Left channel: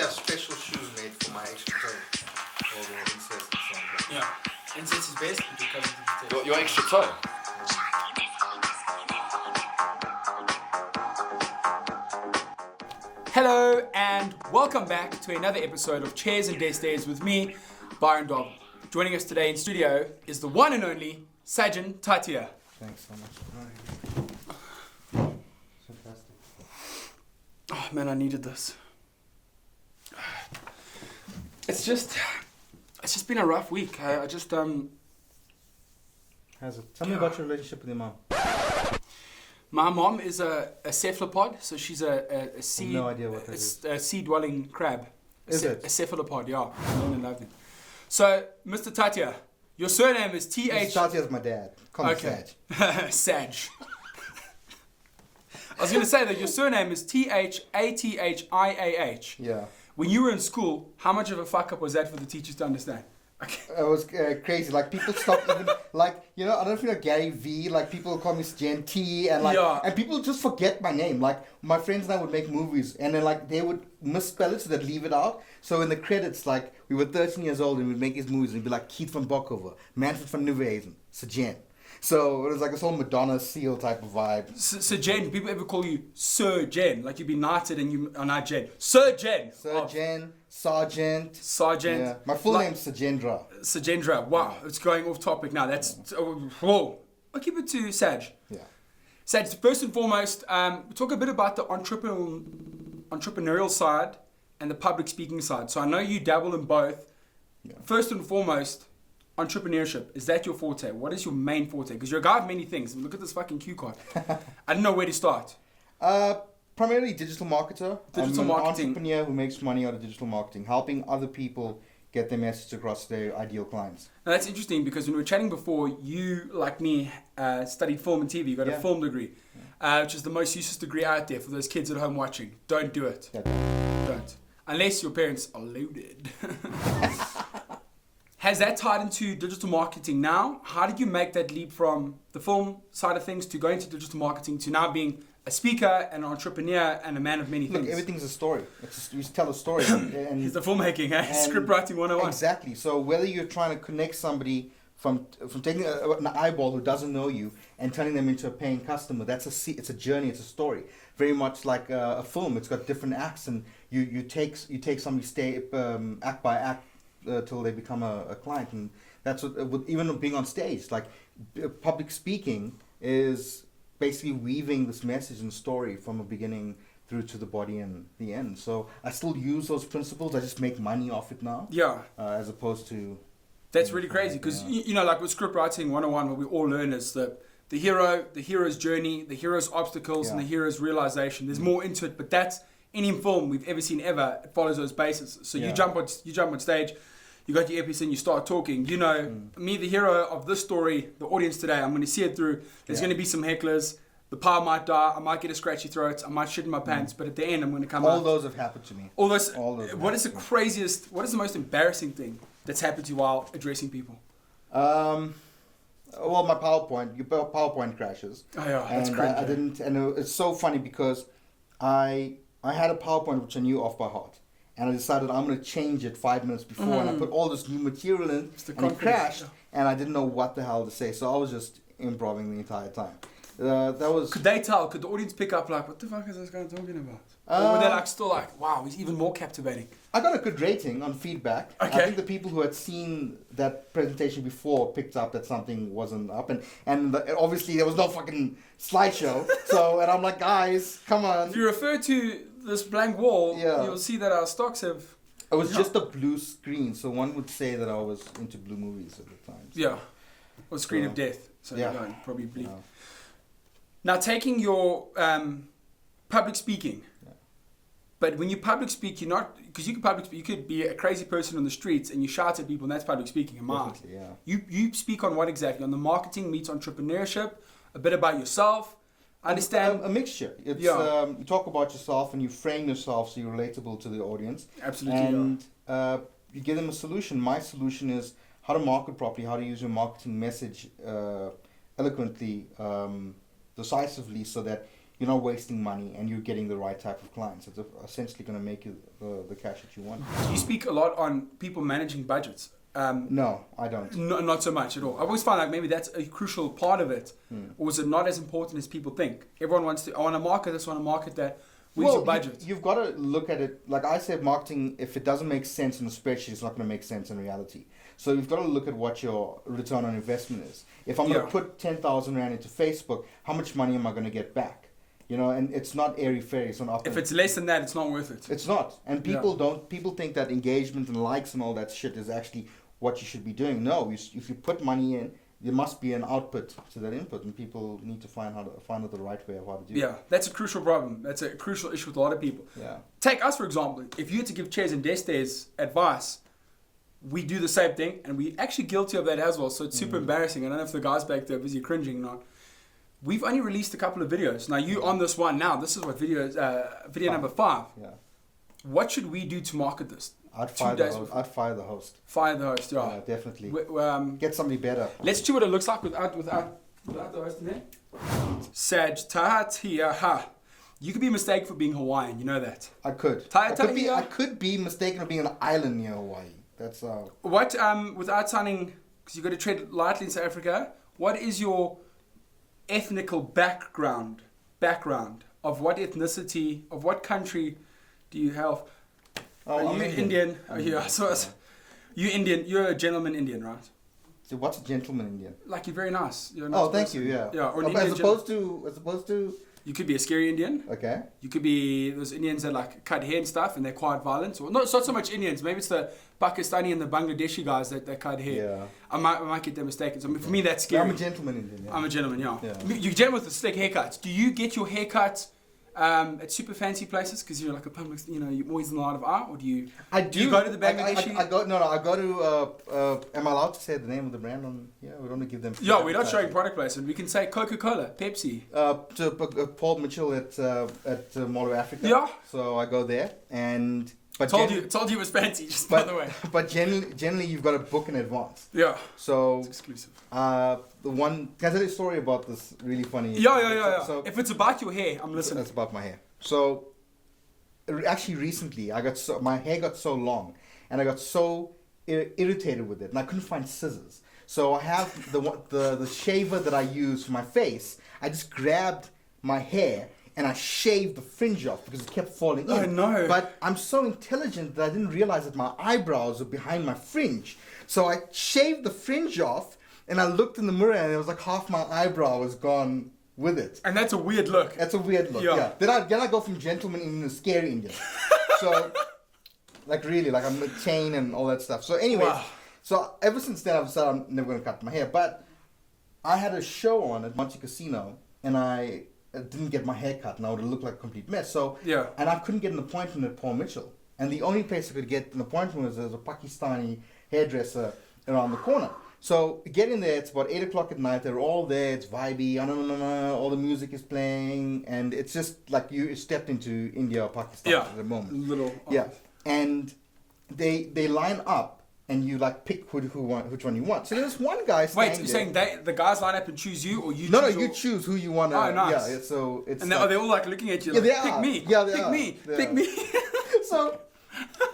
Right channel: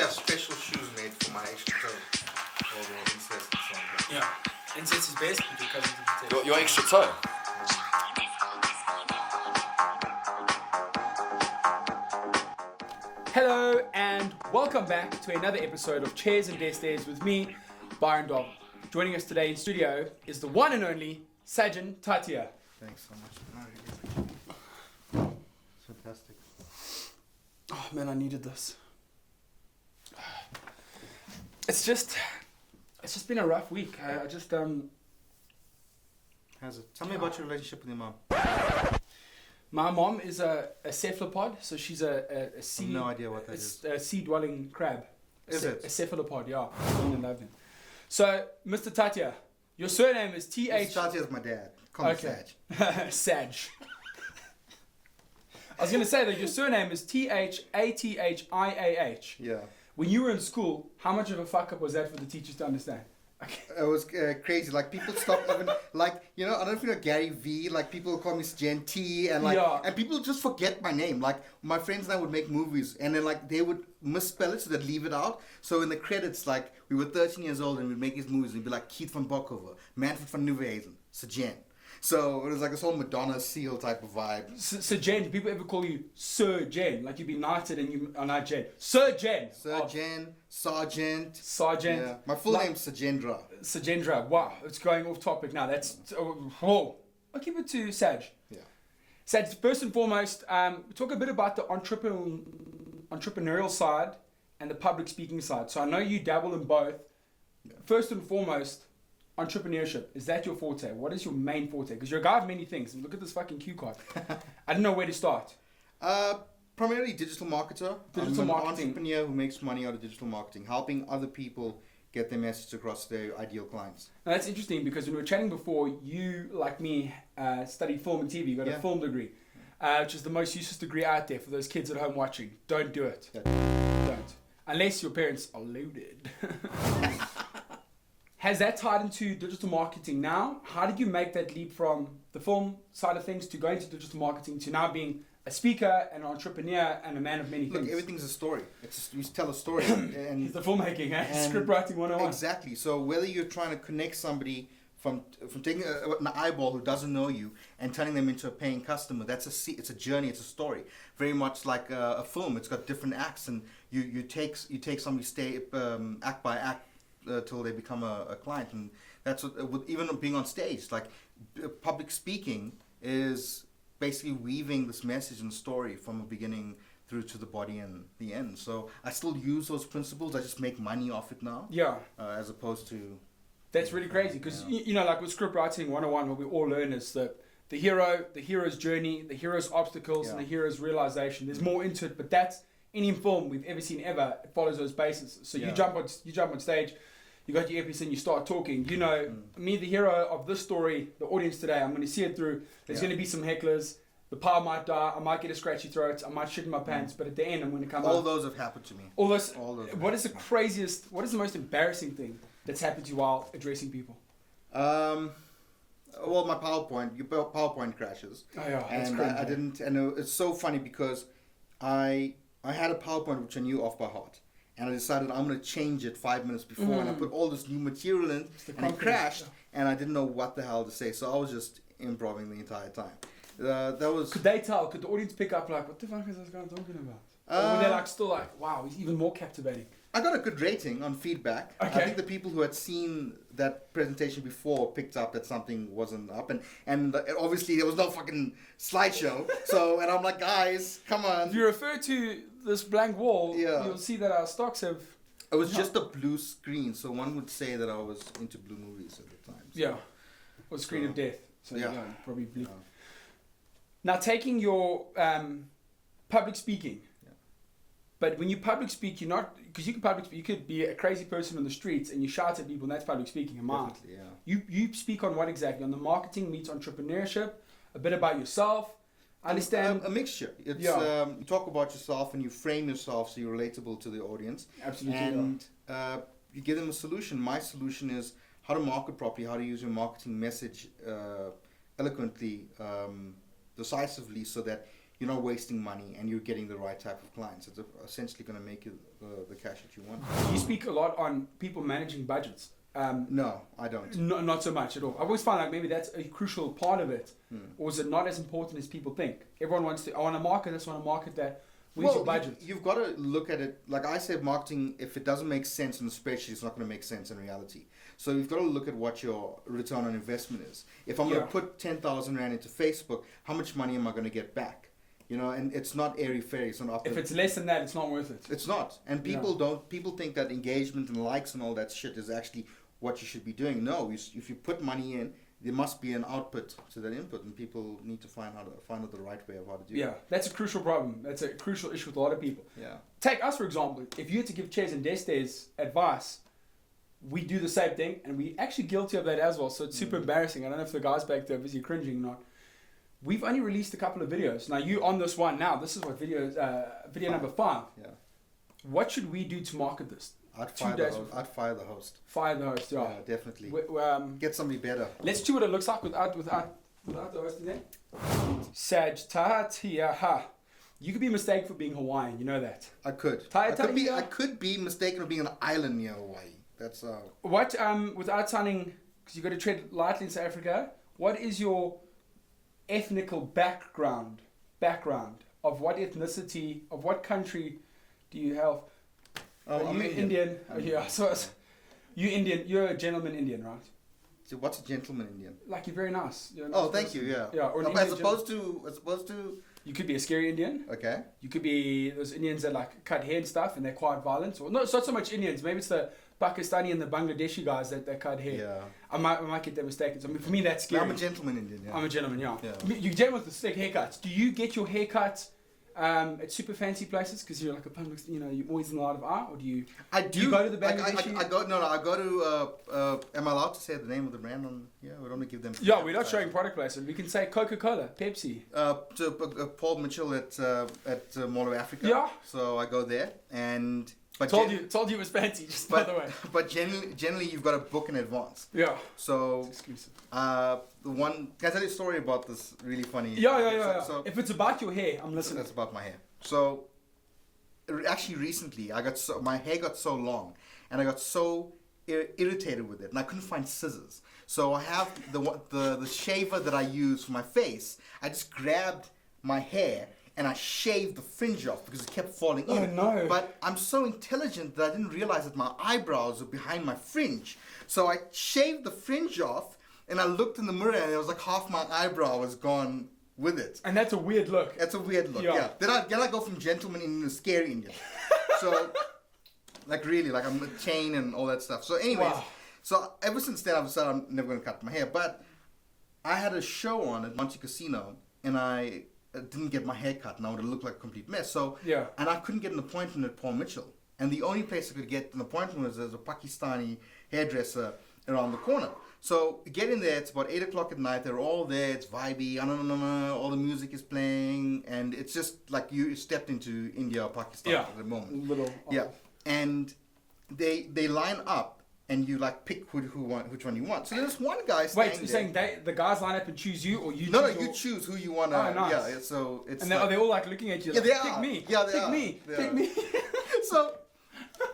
actually have special shoes made for my extra toe. All the incest and so on. Yeah. Incest is best because Your extra toe. Hello and welcome back to another episode of Chairs and Desk Days with me, Byron Dolphin. Joining us today in studio is the one and only Sajen Thathiah. Thanks so much. Fantastic. Oh man, I needed this. It's just been a rough week. I just How's it? Tell me about your relationship with your mom. My mom is a cephalopod, so she's a sea. I have no idea what that is. A sea-dwelling crab. Is it? A cephalopod, yeah. I really love them. So, Mr. Thathiah, your surname is T-H... Mr. Thathiah is my dad. Call me Saj. Saj. I was going to say that your surname is T-H-A-T-H-I-A-H. Yeah. When you were in school, how much of a fuck-up was that for the teachers to understand? It was crazy. Like, people stopped even, like, you know, I don't know if you know Gary V, like, people call me Sajen T, and like, and people just forget my name. Like, my friends and I would make movies, and then, like, they would misspell it, so they'd leave it out. So in the credits, like, we were 13 years old, and we'd make these movies, and it'd be like Keith van Bokhover, Manfred van Nieuwenhuizen, Sajen. So it was like this whole Madonna seal type of vibe. Sir Jen, do people ever call you Sir Jen? Like you'd be knighted and you are not Jen. Sir Jen. Sir Jen, Sergeant. Sergeant. Yeah. My full name's Sajendra. Sajendra. Wow, it's going off topic now. That's whoa. I'll keep it to Saj. Yeah. Saj, first and foremost, talk a bit about the entrepreneurial side and the public speaking side. So I know you dabble in both. Yeah. First and foremost, entrepreneurship, is that your forte? What is your main forte? Because you're a guy of many things. Look at this fucking cue card. I don't know where to start. Primarily digital marketer. Digital I'm marketing. An entrepreneur who makes money out of digital marketing, helping other people get their message across their ideal clients. Now that's interesting because when we were chatting before, you, like me, studied film and TV. You got a film degree, which is the most useless degree out there for those kids at home watching. Don't do it. Yeah. Don't. Unless your parents are loaded. Has that tied into digital marketing now? How did you make that leap from the film side of things to going into digital marketing to now being a speaker, an entrepreneur, and a man of many things? Look, everything's a story. We tell a story. And it's the filmmaking, script writing 101. Exactly. So whether you're trying to connect somebody from taking an eyeball who doesn't know you and turning them into a paying customer, it's a journey, it's a story. Very much like a film. It's got different acts, and you take somebody act by act till they become a client. And that's what even being on stage, like public speaking is basically weaving this message and story from a beginning through to the body and the end. So I still use those principles. I just make money off it now. Yeah. As opposed to... That's really crazy because, you know, like with script writing 101, what we all learn is that the hero's journey, the hero's obstacles, and the hero's realization. There's more into it, but that's any film we've ever seen ever. It follows those bases. So you jump on stage, you got your earpiece and you start talking. You know, me, the hero of this story, the audience today, I'm going to see it through. There's going to be some hecklers. The power might die. I might get a scratchy throat. I might shit in my pants. But at the end, I'm going to come out. All those have happened to me. All those what is the craziest, what is the most embarrassing thing that's happened to you while addressing people? Well, my PowerPoint crashes. Oh yeah, and that's crazy. I didn't, and it's so funny because I had a PowerPoint which I knew off by heart. And I decided I'm going to change it 5 minutes before, and I put all this new material in, and it crashed, and I didn't know what the hell to say, so I was just improvising the entire time. That was. Could they tell? Could the audience pick up like, what the fuck is this guy talking about? Or were they like still like, wow, he's even more captivating? I got a good rating on feedback. Okay. I think the people who had seen that presentation before picked up that something wasn't up, and obviously there was no fucking slideshow. So, and I'm like, guys, come on. If you refer to this blank wall, you'll see that our stocks have... It was just a blue screen, so one would say that I was into blue movies at the time. So. Yeah. Or screen of death. So probably bleak. Yeah. Now taking your public speaking, but when you public speak, you're not, because you can public speak, you could be a crazy person on the streets and you shout at people, and that's public speaking in my eyes. You speak on what exactly? On the marketing meets entrepreneurship, a bit about yourself. I understand. A mixture. It's you talk about yourself and you frame yourself so you're relatable to the audience. Absolutely. And you give them a solution. My solution is how to market properly, how to use your marketing message eloquently, decisively, so that you're not wasting money and you're getting the right type of clients. It's essentially going to make you the cash that you want. You speak a lot on people managing budgets. No, I don't. No, not so much at all. I always find like maybe that's a crucial part of it, or is it not as important as people think? Everyone wants to. I want to market this. I want to market that. Where's your budget? You've got to look at it. Like I said, marketing. If it doesn't make sense in a spreadsheet, it's not going to make sense in reality. So you've got to look at what your return on investment is. If I'm going to put 10,000 rand into Facebook, how much money am I going to get back? You know, and it's not airy-fairy. It's not. If it's less than that, it's not worth it. It's not. And people don't. People think that engagement and likes and all that shit is actually what you should be doing. No, if you put money in, there must be an output to that input, and people need to find out the right way of how to do it. Yeah, that's a crucial problem. That's a crucial issue with a lot of people. Yeah. Take us, for example. If you had to give Chairs and Destes advice, we do the same thing, and we're actually guilty of that as well, so it's super embarrassing. I don't know if the guys back there are busy cringing or not. We've only released a couple of videos. Now, you on this one now. This is what video number 5. Yeah. What should we do to market this? I'd fire the host. Fire the host, yeah. Yeah, definitely. Get somebody better. Let's see what it looks like without the host in there. Sajen Thathiah. You could be mistaken for being Hawaiian. You know that. I could. I could be mistaken for being an island near Hawaii. That's What without sounding, because you got to tread lightly in South Africa. What is your ethnical background of what ethnicity, of what country do you have? Are you Indian? You Indian? You're a gentleman Indian, right? So what's a gentleman Indian? Like you're very nice. You're a nice person. Thank you. Yeah. Yeah. Or as opposed to. You could be a scary Indian. Okay. You could be those Indians that like cut hair and stuff, and they're quite violent. Or no, it's not so much Indians. Maybe it's the Pakistani and the Bangladeshi guys that cut hair. Yeah. I might get them mistaken. So for me, that's scary. I'm a gentleman Indian. Yeah. I'm a gentleman. Yeah. You're gentlemen with the slick haircuts. Do you get your haircuts at super fancy places because you're like a public, you're always in the light of art, or do you? I do. Do you go to the Bangladeshi? I go to. Am I allowed to say the name of the brand on? Yeah, we don't want to give them. Yeah, we're not showing product placement. We can say Coca-Cola, Pepsi. To Paul Mitchell at Mall of Africa. Yeah. So I go there and. But told you it was fancy, by the way. But generally you've got to book in advance. Yeah. So it's exclusive. Can I tell you a story about this really funny? Yeah. So if it's about your hair, I'm listening. It's about my hair. So actually recently my hair got so long and I got so irritated with it and I couldn't find scissors. So I have the shaver that I use for my face. I just grabbed my hair and I shaved the fringe off because it kept falling in. Oh no. But I'm so intelligent that I didn't realize that my eyebrows were behind my fringe. So I shaved the fringe off and I looked in the mirror and it was like half my eyebrow was gone with it. And that's a weird look. That's a weird look, yeah. Then I go from gentleman Indian to scary Indian. So, like really, like I'm a chain and all that stuff. So anyways, So ever since then I've decided I'm never going to cut my hair. But I had a show on at Monte Casino and I didn't get my hair cut and I would have looked like a complete mess. So and I couldn't get an appointment at Paul Mitchell. And the only place I could get an appointment was there's a Pakistani hairdresser around the corner. So get in there, it's about 8 o'clock at night, they're all there, it's vibey, all the music is playing, and it's just like you stepped into India or Pakistan at the moment. And they line up and you like pick which one you want. So there's one guy standing Wait, you're saying the guys line up and choose you, or you choose? No, you choose who you want to. Oh, nice. Yeah, so it's. And they're all like looking at you like, pick me. Yeah, Pick me. So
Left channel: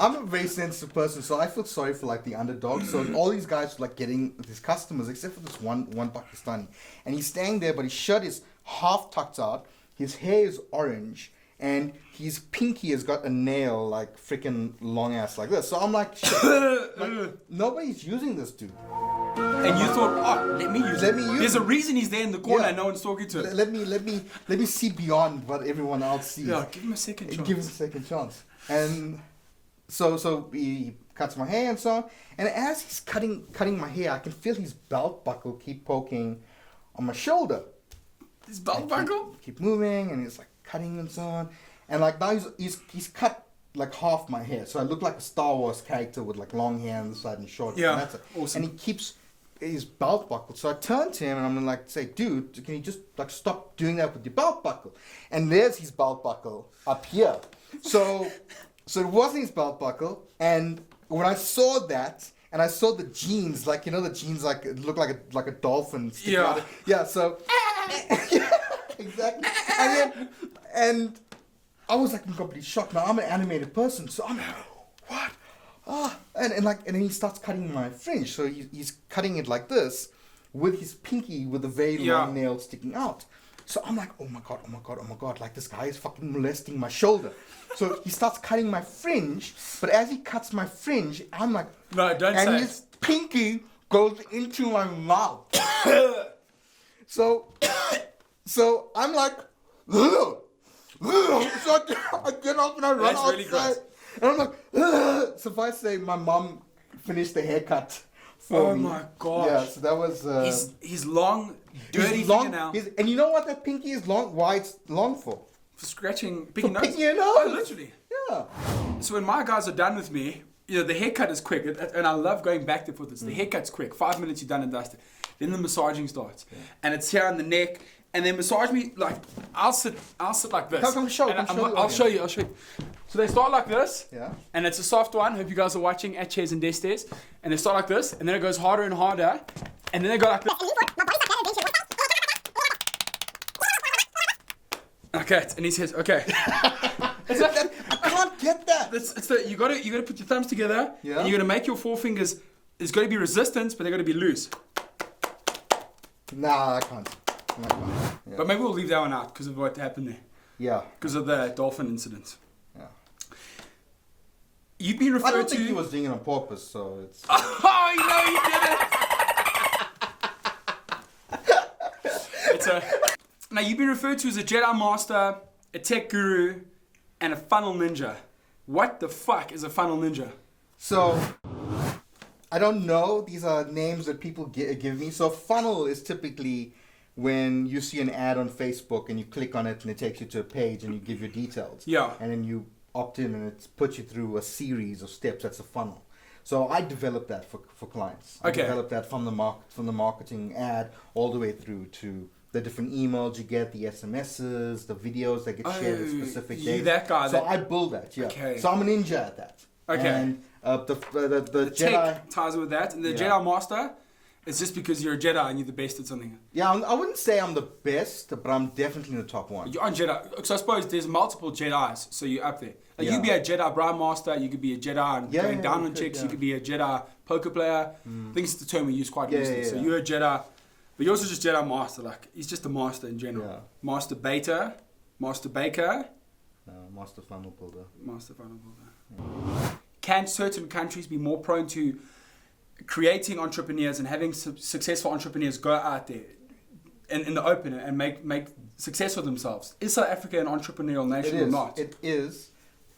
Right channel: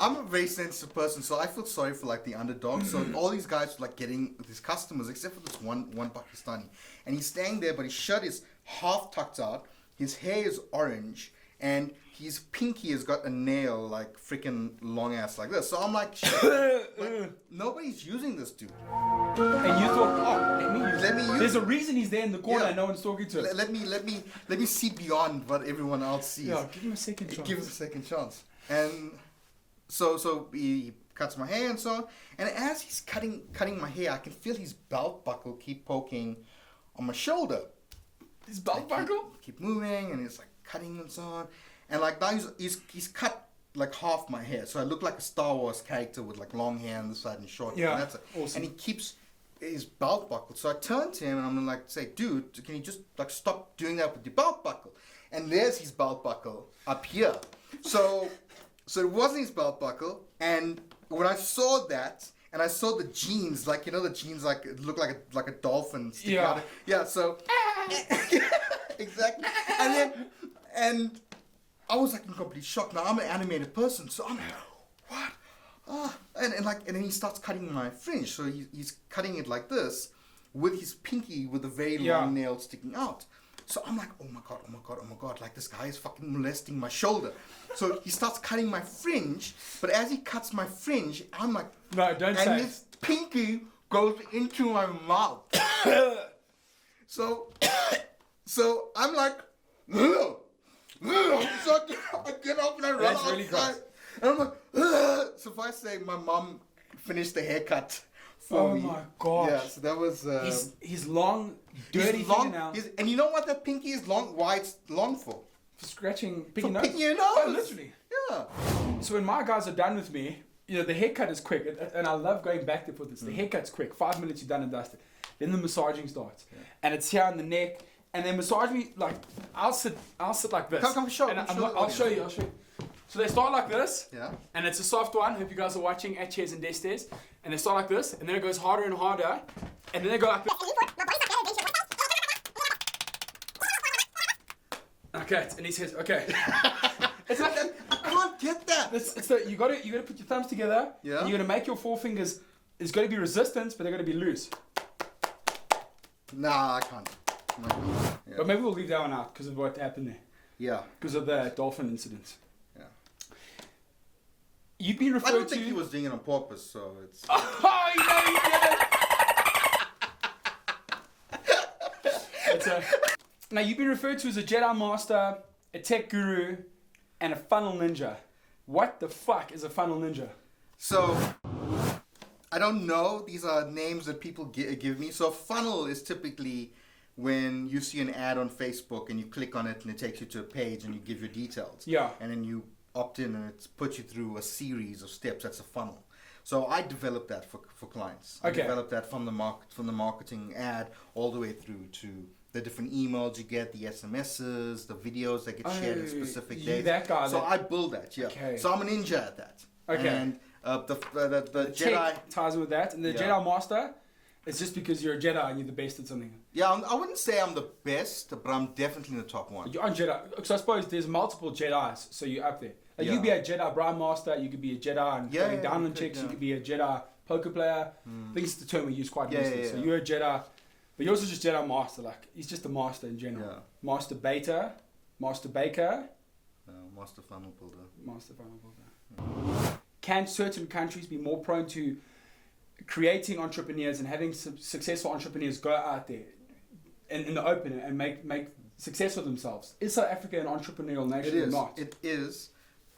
I'm a very sensitive person, so I feel sorry for like the underdog. So all these guys were like getting these customers, except for this one Pakistani. And he's standing there, but his shirt is half tucked out, his hair is orange, and his pinky has got a nail like freaking long ass like this. So I'm like, shit, like nobody's using this dude. And you thought, let me use it. There's a reason he's there in the corner and no one's talking to him. Let me see beyond what everyone else sees. Yeah, give him a second chance. Give him a second chance. And so he cuts my hair and so on. And as he's cutting my hair, I can feel his belt buckle keep poking on my shoulder. His belt buckle? Keep moving, and he's like cutting and so on. And like now he's cut like half my hair, so I look like a Star Wars character with like long hair on the side and short. Yeah, and that's it. Awesome. And he keeps his belt buckle. So I turn to him and I'm gonna like say, dude, can you just like stop doing that with your belt buckle? And there's his belt buckle up here. So it wasn't his belt buckle. And when I saw that, and I saw the jeans, like the jeans like it looked like a dolphin. Yeah. Yeah. So exactly. And I was like in complete shock. Now I'm an animated person, so I'm like, what? And then he starts cutting my fringe. So he's cutting it like this with his pinky with a very long nail sticking out. So I'm like, oh my god, like this guy is fucking molesting my shoulder. So he starts cutting my fringe, but as he cuts my fringe, I'm like, no, don't say and his pinky goes into my mouth. So I'm like, ugh. So I get up and I run outside. Really and I'm like, ugh. So if I say my mom finished the haircut for me. Oh my god. Yeah, so that was... His long, dirty fingernail. And you know what that pinky is long? Why it's long for? For scratching, picking for nose. picking your nose. Oh, literally. Yeah. So when my guys are done with me, the haircut is quick, and I love going back there for this. The haircut's quick, 5 minutes you're done and dusted. Then the massaging starts, and it's here on the neck, and then massage me like I'll sit like this. Come show. I'll show you. So they start like this, yeah, and it's a soft one. Hope you guys are watching at Chairs and Destes. And they start like this, and then it goes harder and harder, and then they go like this. Okay, and he says, okay. It's like I can't get that. You gotta put your thumbs together, yeah, and you're gonna make your forefingers. There's got to be resistance, but they're got to be loose. Nah, I can't. Yeah. But maybe we'll leave that one out because of what happened there. Yeah. Because of the Dolphin Incident. Yeah. You've been referred to... I don't think he was doing it on purpose, so it's... Oh, you did it! Now, you've been referred to as a Jedi Master, a tech guru, and a funnel ninja. What the fuck is a funnel ninja? So... I don't know. These are names that people give me. So funnel is typically when you see an ad on Facebook and you click on it and it takes you to a page and you give your details. Yeah. And then you opt in and it puts you through a series of steps. That's a funnel. So I developed that for clients. Okay. I developed that from the marketing ad all the way through to the different emails you get, the SMSs, the videos that get shared at specific days. That guy. So I build that. Yeah. Okay. So I'm a ninja at that. Okay. And the Jedi tech ties in with that, and the Jedi Master is just because you're a Jedi and you're the best at something. Yeah, I wouldn't say I'm the best, but I'm definitely in the top one. You're on Jedi, so I suppose there's multiple Jedis, so you're up there. Like you could be a Jedi Bride Master, you could be a Jedi and going down on chicks, you could be a Jedi poker player. I think it's the term we use quite loosely. So you're a Jedi, but you're also just Jedi Master. Like he's just a master in general. Yeah. Master Baker, Master Baker, Master Funnel Builder. Master Funnel Builder. Can certain countries be more prone to creating entrepreneurs and having successful entrepreneurs go out there in the open and make success for themselves? Is South Africa an entrepreneurial nation or not? It is.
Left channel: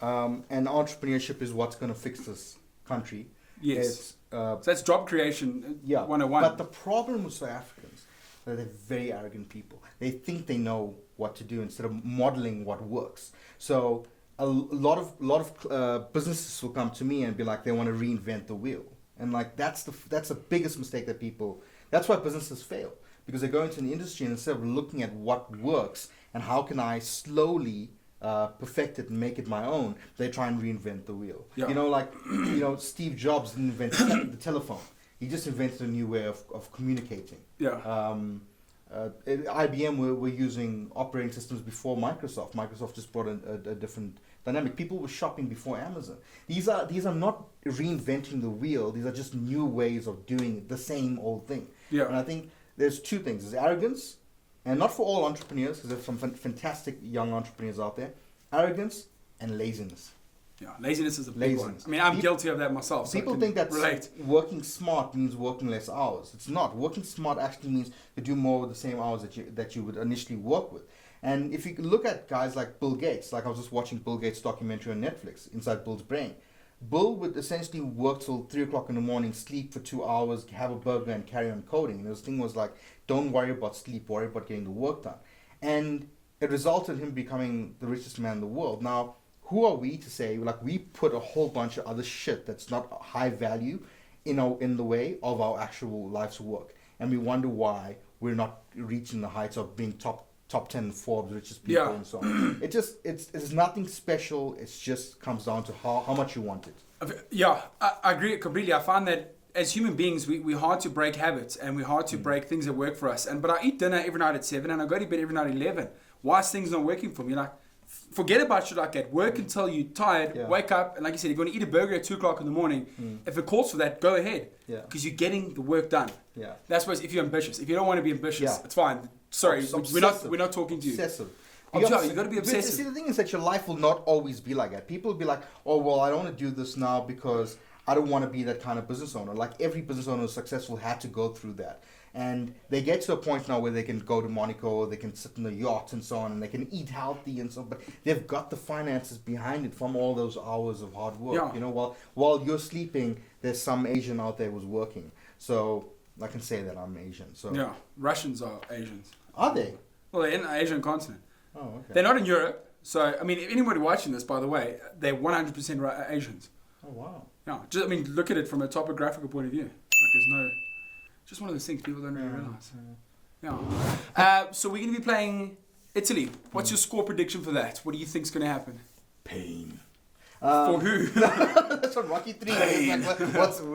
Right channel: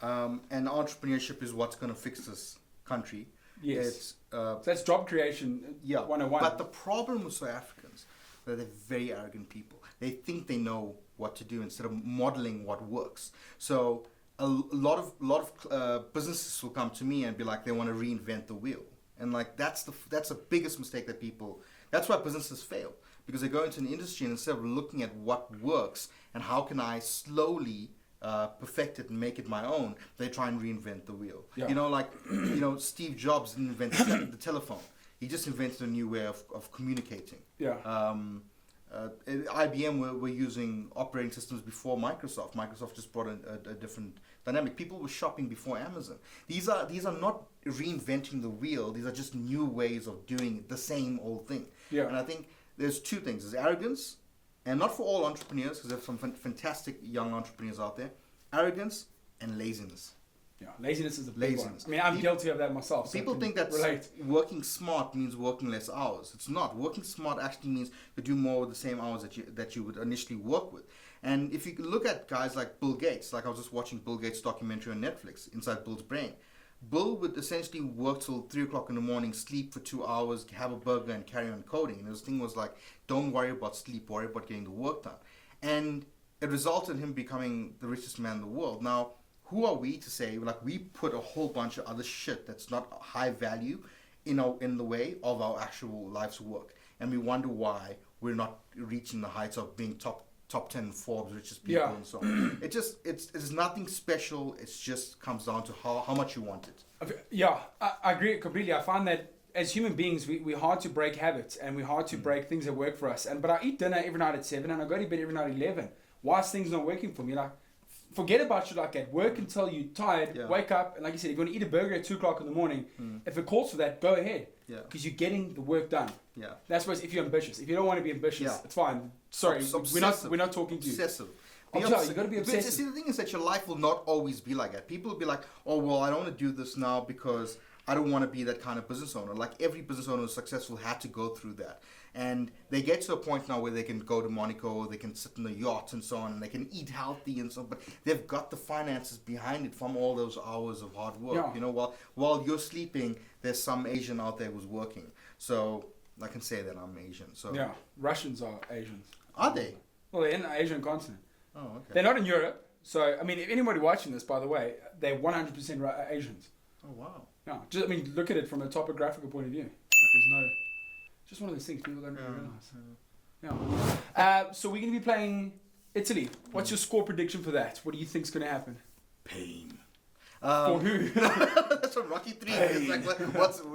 And entrepreneurship is what's going to fix this country. Yes. So that's job creation 101. But the problem with South Africans is that they're very arrogant people. They think they know what to do instead of modeling what works. So a lot of businesses will come to me and be like they want to reinvent the wheel, and like that's the biggest mistake that people. That's why businesses fail, because they go into an industry and instead of looking at what works and how can I slowly perfect it and make it my own, they try and reinvent the wheel. Yeah. Steve Jobs didn't invent the telephone. He just invented a new way of communicating. Yeah. IBM were using operating systems before Microsoft. Microsoft just brought a different dynamic. People were shopping before Amazon. These are not reinventing the wheel. These are just new ways of doing the same old thing. Yeah. And I think there's two things. There's arrogance, and not for all entrepreneurs, because there's some fantastic young entrepreneurs out there. Arrogance and laziness. Yeah, laziness is a big one. I mean, I'm guilty of that myself. So people think that working smart means working less hours. It's not. Working smart actually means to do more with the same hours that you would initially work with. And if you can look at guys like Bill Gates, like I was just watching Bill Gates' documentary on Netflix, Inside Bill's Brain. Bill would essentially work till 3 o'clock in the morning, sleep for 2 hours, have a burger, and carry on coding. And his thing was like, don't worry about sleep, worry about getting the work done. And it resulted in him becoming the richest man in the world. Now, who are we to say, like, we put a whole bunch of other shit that's not high value in the way of our actual life's work, and we wonder why we're not reaching the heights of being top 10 Forbes richest people and so on. It's nothing special. It just comes down to how much you want it. Yeah, I agree completely. I find that as human beings, we're hard to break habits, and we're hard to break things that work for us. But I eat dinner every night at 7, and I go to bed every night at 11. Why is things not working for me? Like, forget about shit like that. Work until you're tired, wake up, and like you said, if you want to eat a burger at 2 o'clock in the morning, if it calls for that, go ahead. Because you're getting the work done. That's why if you're ambitious. If you don't want to be ambitious, it's fine. Sorry, we're not talking to you. Obsessive. You got to be obsessive. See, the thing is that your life will not always be like that. People will be like, oh, well, I don't want to do this now because I don't want to be that kind of business owner. Like every business owner who's successful had to go through that. And they get to a point now where they can go to Monaco, they can sit in a yacht and so on, and they can eat healthy and so on, but they've got the finances behind it from all those hours of hard work. You know, while you're sleeping, there's some Asian out there who's working. So I can say that I'm Asian. So yeah, Russians are Asians. Are they? Well, they're in the Asian continent. Oh, okay. They're not in Europe. So, I mean, if anybody watching this, by the way, they're 100% Asians. Oh, wow. Yeah, I mean, look at it from a topographical point of view. Like, there's no... Just one of those things people don't really realize. Yeah. So we're going to be playing Italy. What's your score prediction for that? What do you think is going to happen? Pain. For who? That's from Rocky 3. It's like,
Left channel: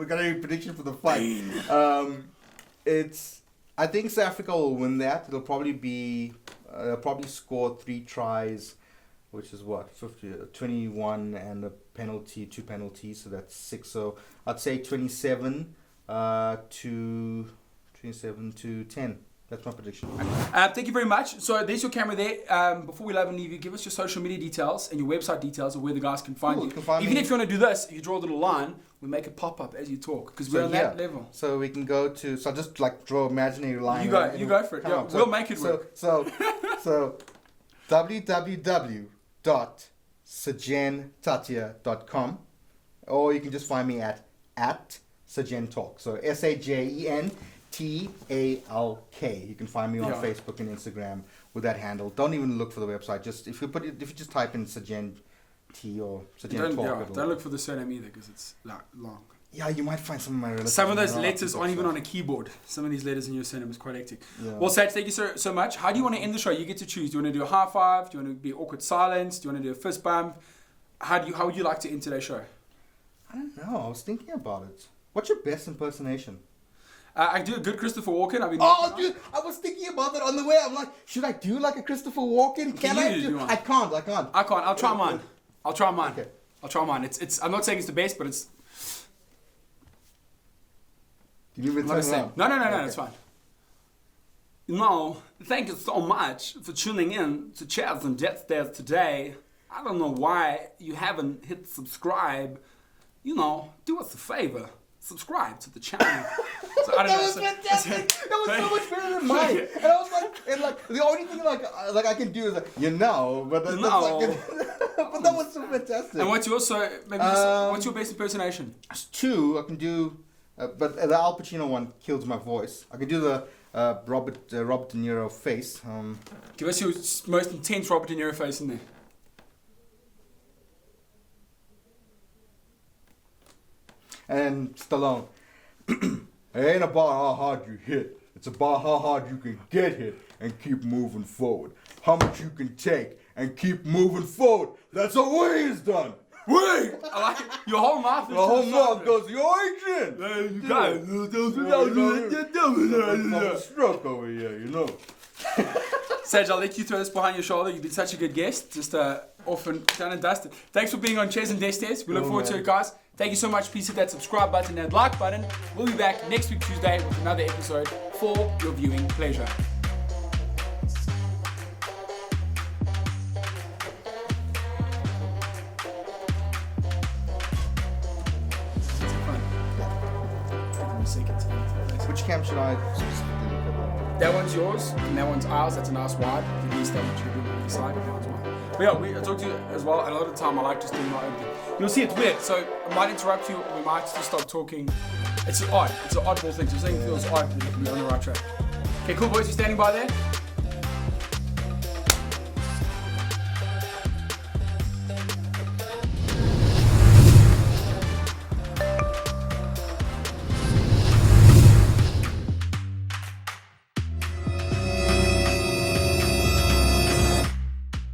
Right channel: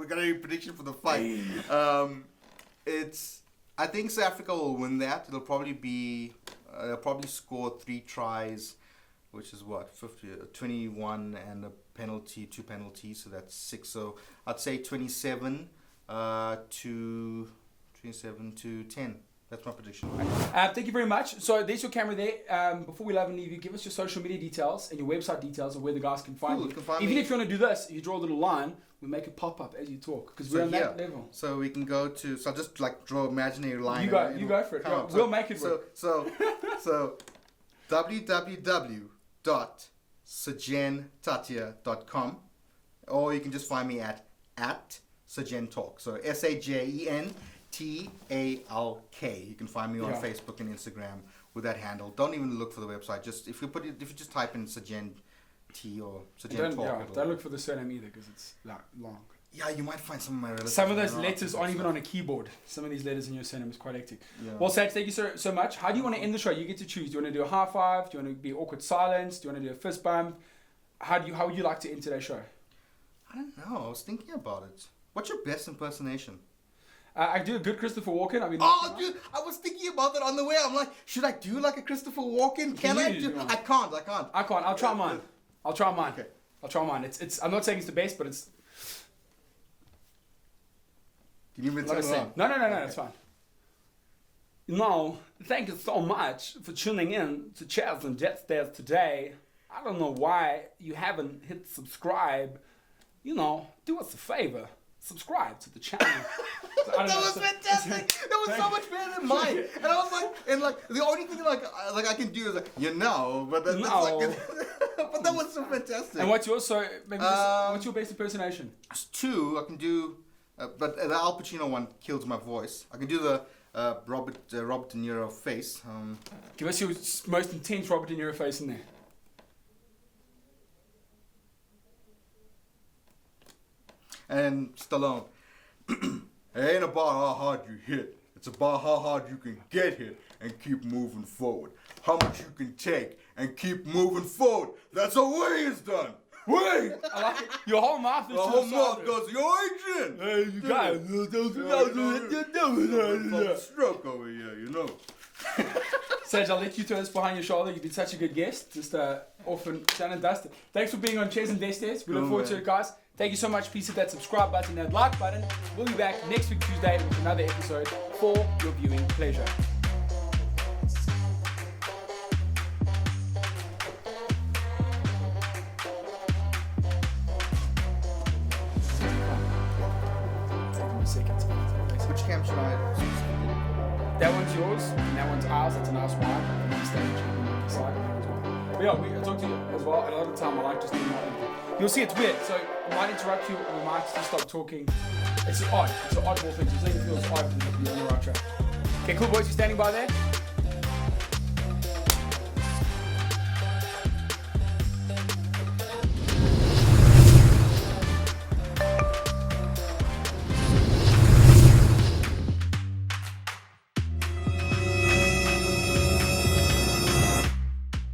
we got any prediction for the fight? I think South Africa will win that. It'll probably be... they'll probably score 3 tries, which is what? 21 and a penalty, 2 penalties. So that's 6. So I'd say 27 to 10. That's my prediction. Thank you very much. So there's your camera there. Before we love and leave you, give us your social media details and your website details of where the guys can find you. Even if you want to do this, you draw a little line, we make it pop up as you talk because we're on that level. So we can go to. So I'll just like draw an imaginary line. You go for it. Yeah, we'll make it work. So www.sajenthathiah.com, or you can just find me at Sajen Talk. So SAJENTALK. You can find me on Facebook and Instagram with that handle. Don't even look for the website. Just if you just type in Sajen T or Sajen Talk. Don't look for the surname either because it's long. Yeah, you might find some of my relatives. Some of those letters aren't even on a keyboard. Some of these letters in your surname is quite hectic. Yeah. Well, Saj, thank you so much. How do you want to end the show? You get to choose. Do you want to do a high five? Do you want to be awkward silence? Do you want to do a fist bump? How would you like to end today's show? I don't know. I was thinking about it. What's your best impersonation? I do a good Christopher Walken. Dude, I was thinking about that on the way. I'm like, should I do like a Christopher Walken? Can I do? I can't. I'll try mine. Okay. I'll try mine. It's. I'm not saying it's the best, but it's. You mean No, it's fine. No, thank you so much for tuning in to Chairs and Jetstairs today. I don't know why you haven't hit subscribe. Do us a favor. Subscribe to the channel. That was fantastic. That was so much better than mine. And I was like, the only thing like I can do is but that's like, but that was so fantastic. And what's yours? So what's your best impersonation? It's 2. I can do, but the Al Pacino one kills my voice. I can do the Robert De Niro face. Give us your most intense Robert De Niro face in there. And Stallone. It ain't about how hard you hit. It's about how hard you can get hit and keep moving forward. How much you can take and keep moving forward. That's how way is done. Way! I like it. Your whole mouth is goes, you're Adrian! You guys, I'm a stroke over here, Saj, I'll let you throw this behind your shoulder. You've been such a good guest. Just off and done and dusted. Thanks for being on Chairs and Jetstairs. We look forward to it, guys. Thank you so much. Please hit that subscribe button, that like button. We'll be back next week, Tuesday, with another episode for your viewing pleasure. Which camp should I? That one's yours, and that one's ours. That's a nice wide. But yeah, I'll talk to you as well. A lot of the time I like just doing my own thing. You'll see it's weird, so I might interrupt you or I might just stop talking. It's odd. It's an oddball thing. So saying it feels odd and you're on the right track. Okay, cool boys, you standing by there?